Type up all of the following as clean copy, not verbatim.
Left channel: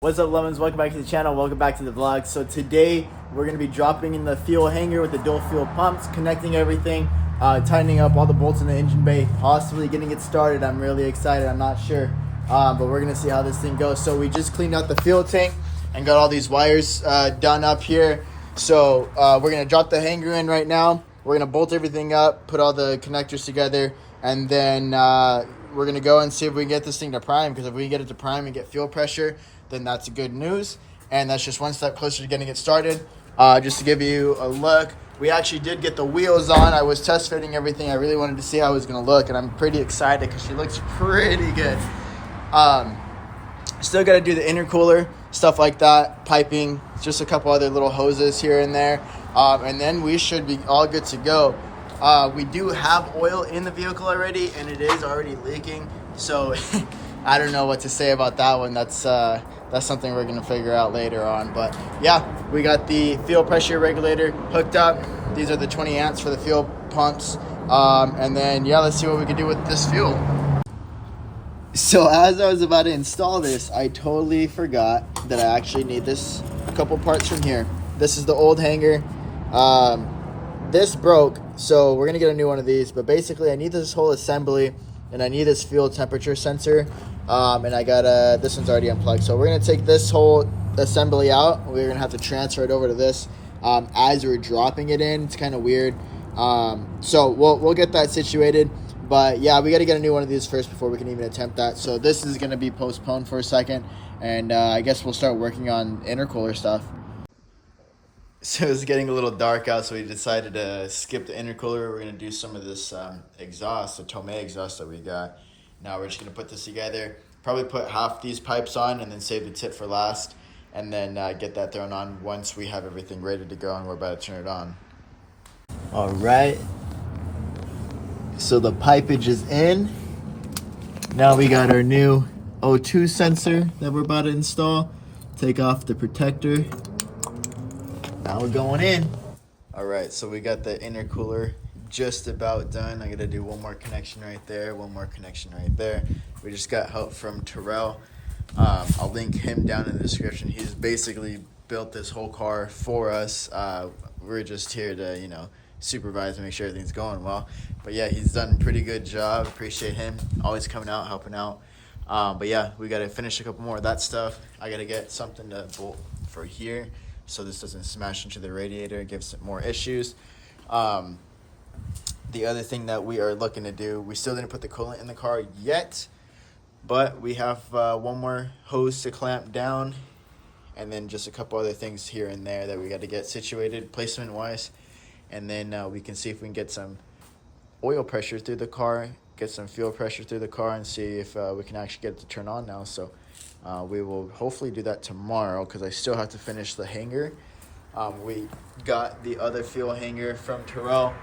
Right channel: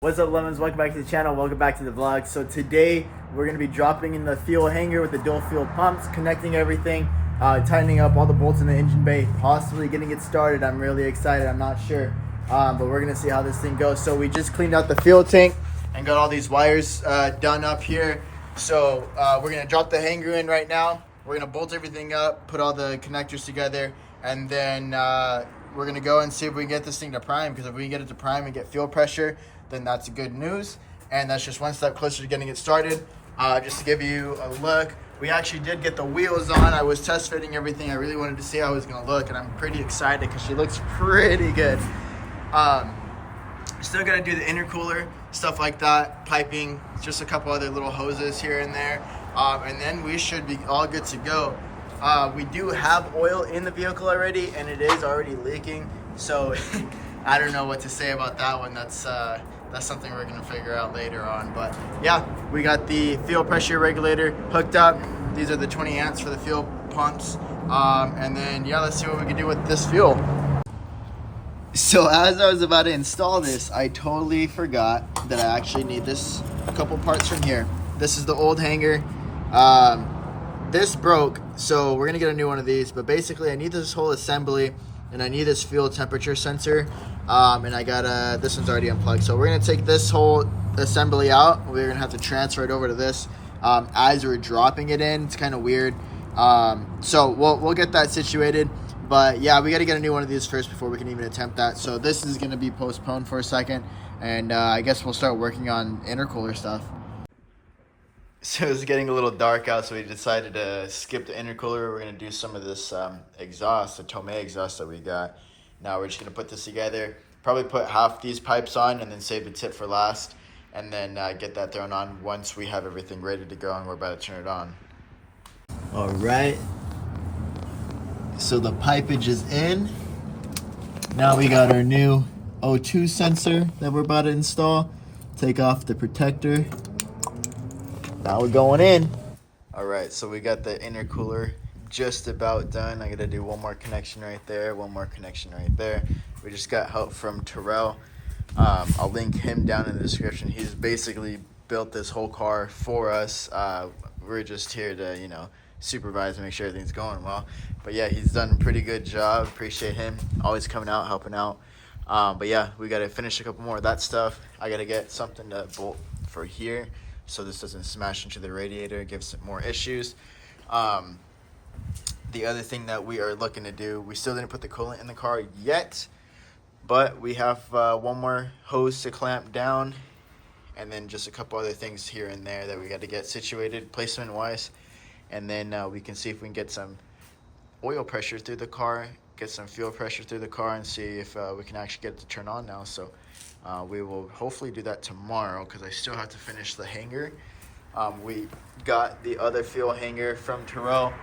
What's up, lemons? Welcome back to the channel. Welcome back to the vlog. So today we're going to be dropping in the fuel hanger with the dual fuel pumps, connecting everything, tightening up all the bolts in the engine bay, possibly getting it started. I'm really excited. I'm not sure, but we're going to see how this thing goes. So we just cleaned out the fuel tank and got all these wires done up here. So we're going to drop the hanger in right now. We're going to bolt everything up, put all the connectors together, and then we're going to go and see if we can get this thing to prime, because if we can get it to prime and get fuel pressure, then that's good news. And that's just one step closer to getting it started. Just to give you a look, we actually did get the wheels on. I was test fitting everything. I really wanted to see how it was going to look, and I'm pretty excited because she looks pretty good. Still got to do the intercooler, stuff like that, piping, just a couple other little hoses here and there. And then we should be all good to go. We do have oil in the vehicle already, and it is already leaking. So I don't know what to say about that one. That's something we're gonna figure out later on. But yeah, we got the fuel pressure regulator hooked up. These are the 20 amps for the fuel pumps. And then yeah, let's see what we can do with this fuel. So as I was about to install this, I totally forgot that I actually need this a couple parts from here. This is the old hanger. This broke, so we're gonna get a new one of these. But basically I need this whole assembly, and I need this fuel temperature sensor. And I got this one's already unplugged. So we're gonna take this whole assembly out. We're gonna have to transfer it over to this as we're dropping it in. It's kind of weird. So we'll get that situated. But yeah, we got to get a new one of these first before we can even attempt that. So this is gonna be postponed for a second, and I guess we'll start working on intercooler stuff. So it's getting a little dark out, so we decided to skip the intercooler. We're gonna do some of this exhaust, the Tomei exhaust that we got. Now we're just gonna put this together, probably put half these pipes on and then save the tip for last, and then get that thrown on once we have everything ready to go and we're about to turn it on. All right, so the pipage is in. Now we got our new O2 sensor that we're about to install. Take off the protector. Now we're going in. All right, so we got the intercooler just about done. I gotta do one more connection right there, one more connection right there. We just got help from Terrell. I'll link him down in the description. He's basically built this whole car for us. We're just here to, supervise and make sure everything's going well. But yeah, he's done a pretty good job. Appreciate him always coming out, helping out. But yeah, we gotta finish a couple more of that stuff. I gotta get something to bolt for here so this doesn't smash into the radiator, gives it more issues. The other thing that we are looking to do, we still didn't put the coolant in the car yet, but we have one more hose to clamp down, and then just a couple other things here and there that we got to get situated placement wise, and then we can see if we can get some oil pressure through the car, get some fuel pressure through the car, and see if we can actually get it to turn on now. So we will hopefully do that tomorrow, because I still have to finish the hanger. We got the other fuel hanger from Terrell,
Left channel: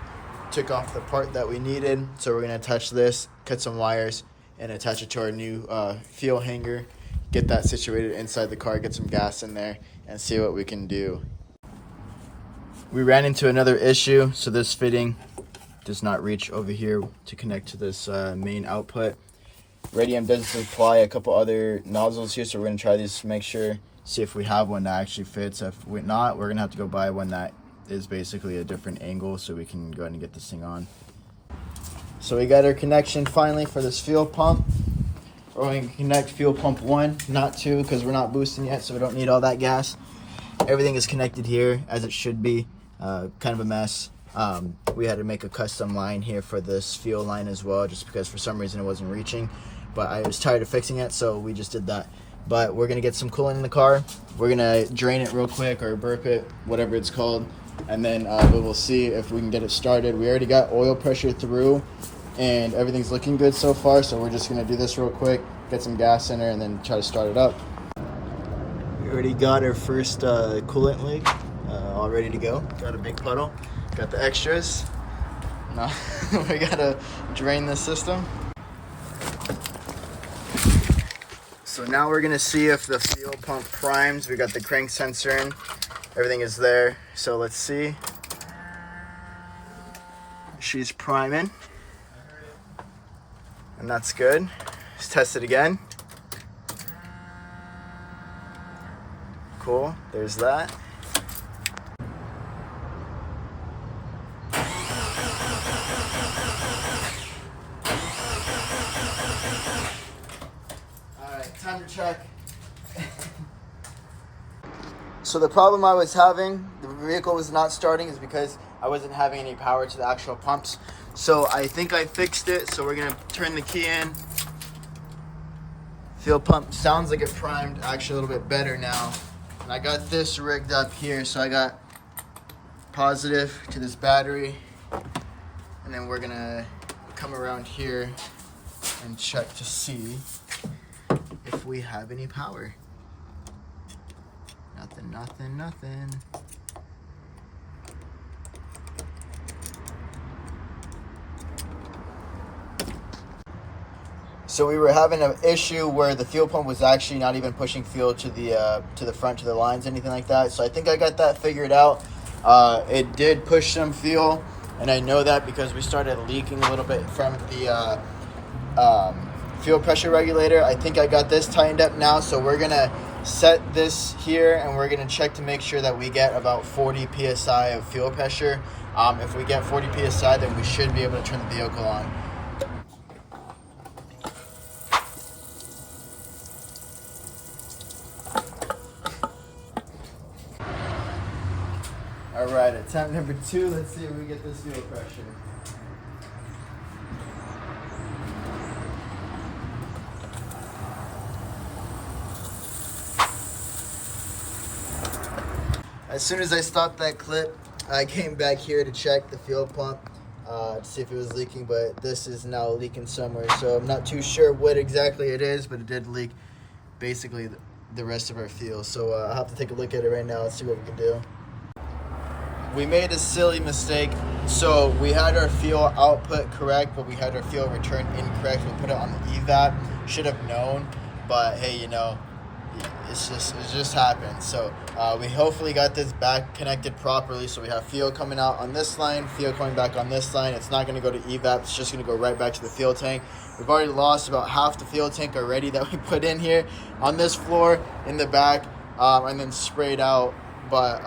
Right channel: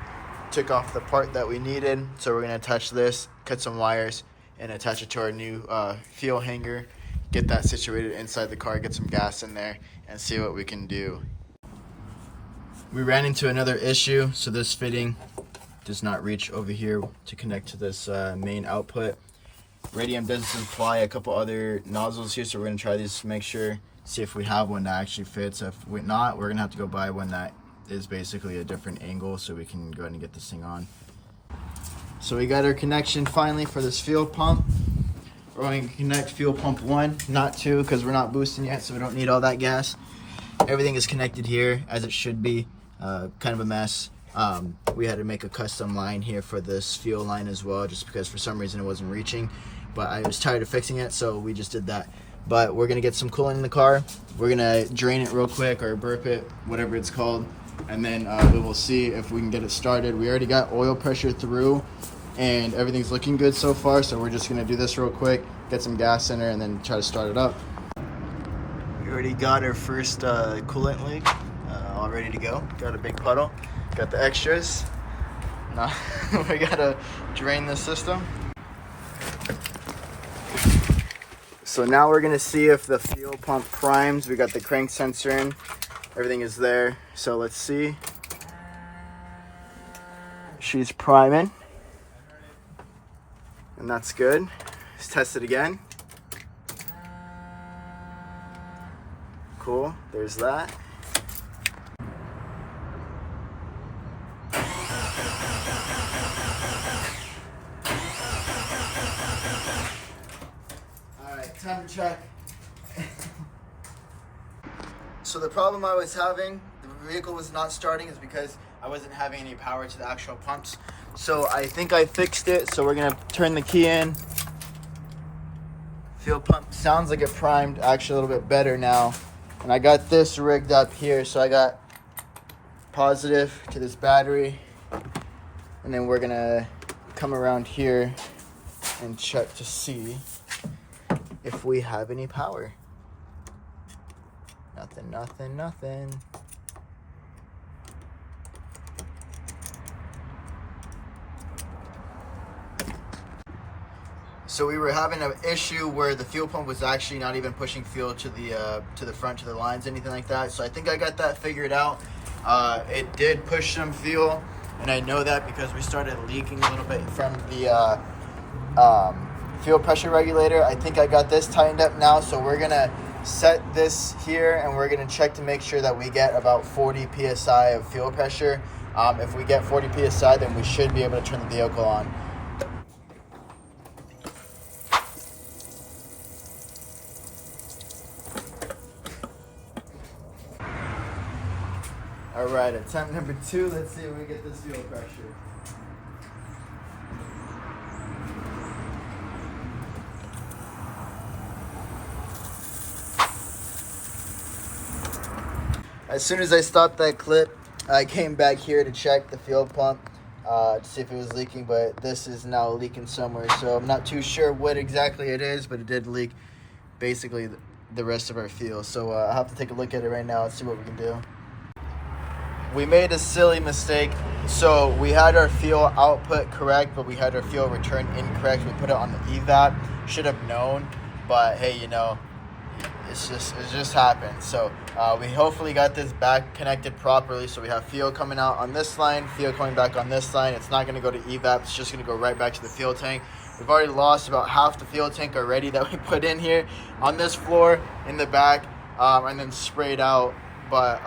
took off the part that we needed, so we're gonna attach this, cut some wires, and attach it to our new fuel hanger, get that situated inside the car, get some gas in there, and see what we can do. We ran into another issue, so this fitting does not reach over here to connect to this main output. Radium doesn't supply a couple other nozzles here, so we're gonna try these to make sure, see if we have one that actually fits. If we're not, we're gonna have to go buy one that is basically a different angle so we can go ahead and get this thing on. So we got our connection finally for this fuel pump. We're going to connect fuel pump 1, not 2, because we're not boosting yet, so we don't need all that gas. Everything is connected here as it should be. Kind of a mess. We had to make a custom line here for this fuel line as well, just because for some reason it wasn't reaching, but I was tired of fixing it, so we just did that. But we're gonna get some coolant in the car. We're gonna drain it real quick, or burp it, whatever it's called, and then we will see if we can get it started. We already got oil pressure through, and everything's looking good so far, so we're just gonna do this real quick, get some gas in there, and then try to start it up. We already got our first coolant leak all ready to go. Got a big puddle, got the extras. Now we gotta drain the system. So now we're gonna see if the fuel pump primes. We got the crank sensor in, everything is there. So let's see. She's priming, and that's good. Let's test it again. cool. There's that. All right, time to check. So the problem I was having, the vehicle was not starting, is because I wasn't having any power to the actual pumps. So I think I fixed it. So we're gonna turn the key in. Fuel pump sounds like it primed actually a little bit better now. And I got this rigged up here. So I got positive to this battery. And then we're gonna come around here and check to see if we have any power. Nothing, nothing, nothing. So we were having an issue where the fuel pump was actually not even pushing fuel to the front, to the lines, anything like that. So I think I got that figured out. It did push some fuel, and I know that because we started leaking a little bit from the fuel pressure regulator. I think I got this tightened up now, so we're gonna set this here and we're gonna check to make sure that we get about 40 psi of fuel pressure. If we get 40 psi, then we should be able to turn the vehicle on. All right, attempt number 2. Let's see if we get this fuel pressure. As soon as I stopped that clip, I came back here to check the fuel pump to see if it was leaking, but this is now leaking somewhere. So I'm not too sure what exactly it is, but it did leak basically the rest of our fuel. So I'll have to take a look at it right now and see what we can do. We made a silly mistake. So we had our fuel output correct, but we had our fuel return incorrect. We put it on the evap. Should have known, but hey, you know, it just happened. So we hopefully got this back connected properly. So we have fuel coming out on this line, fuel coming back on this line. It's not going to go to evap. It's just going to go right back to the fuel tank. We've already lost about half the fuel tank already that we put in here on this floor in the back, and then sprayed out. But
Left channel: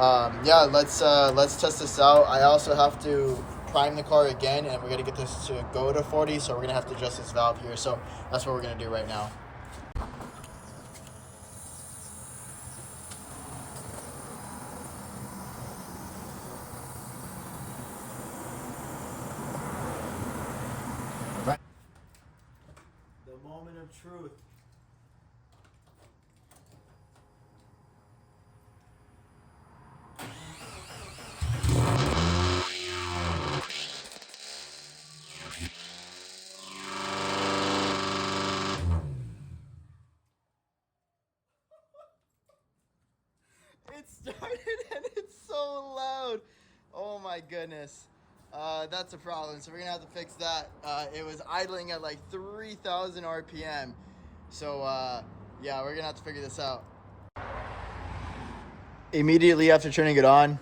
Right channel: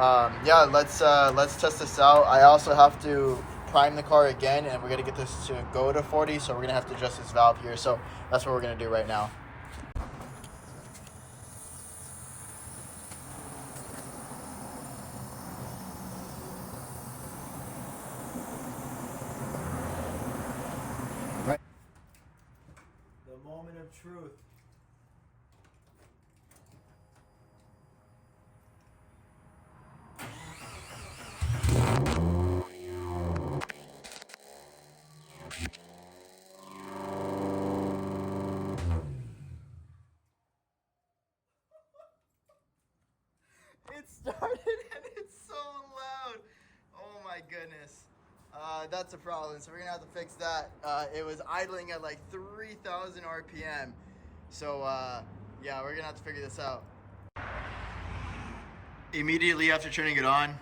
yeah, let's test this out. I also have to prime the car again, and we're gonna get this to go to 40. So we're gonna have to adjust this valve here. So that's what we're gonna do right now. Right. The moment of truth. It started and it's so loud. Oh my goodness. That's a problem. So we're gonna have to fix that. It was idling at like 3,000 RPM. So yeah, we're gonna have to figure this out. Immediately after turning it on,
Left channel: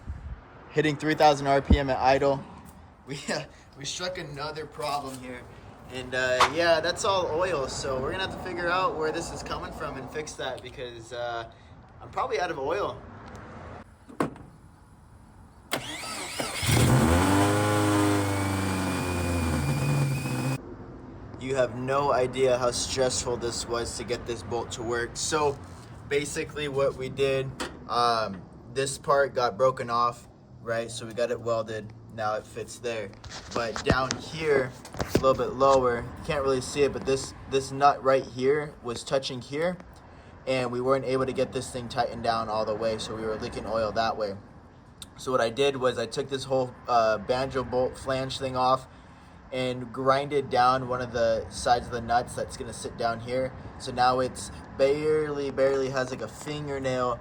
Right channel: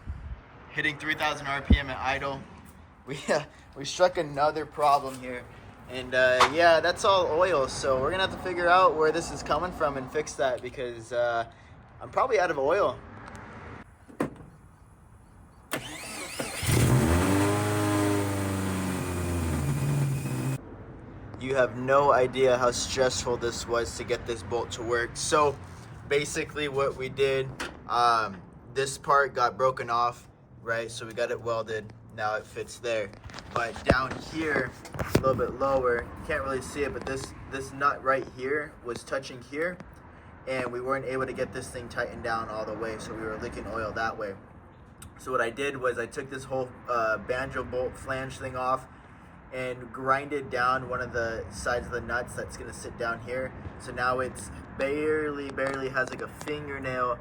hitting 3,000 RPM at idle, we struck another problem here. And yeah, that's all oil. So we're gonna have to figure out where this is coming from and fix that, because I'm probably out of oil. You have no idea how stressful this was to get this bolt to work. So basically what we did, this part got broken off, right? So we got it welded, now it fits there. But down here, a little bit lower, you can't really see it, but this nut right here was touching here, and we weren't able to get this thing tightened down all the way, so we were leaking oil that way. So what I did was I took this whole banjo bolt flange thing off and grinded down one of the sides of the nuts that's gonna sit down here. So now it's barely has like a fingernail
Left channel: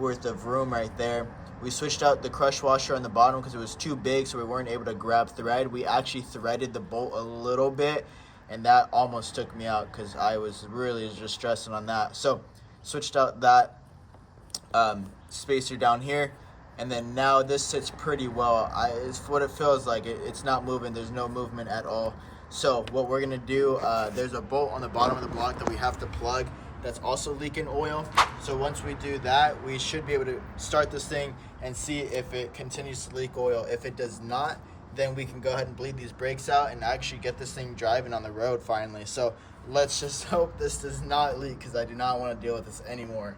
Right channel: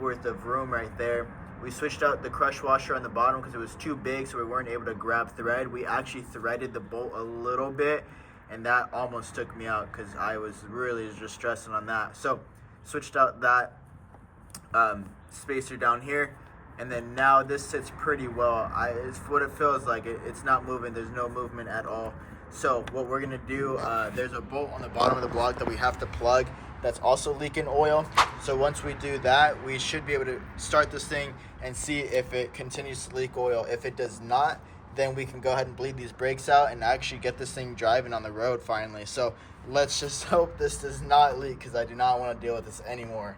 worth of room right there. We switched out the crush washer on the bottom because it was too big, so we weren't able to grab thread. We actually threaded the bolt a little bit, and that almost took me out because I was really just stressing on that. So switched out that spacer down here, and then now this sits pretty well. It's what it feels like. It's not moving. There's no movement at all. So what we're gonna do, there's a bolt on the bottom of the block that we have to plug, that's also leaking oil. So once we do that, we should be able to start this thing and see if it continues to leak oil. If it does not, then we can go ahead and bleed these brakes out and actually get this thing driving on the road finally. So let's just hope this does not leak, because I do not want to deal with this anymore.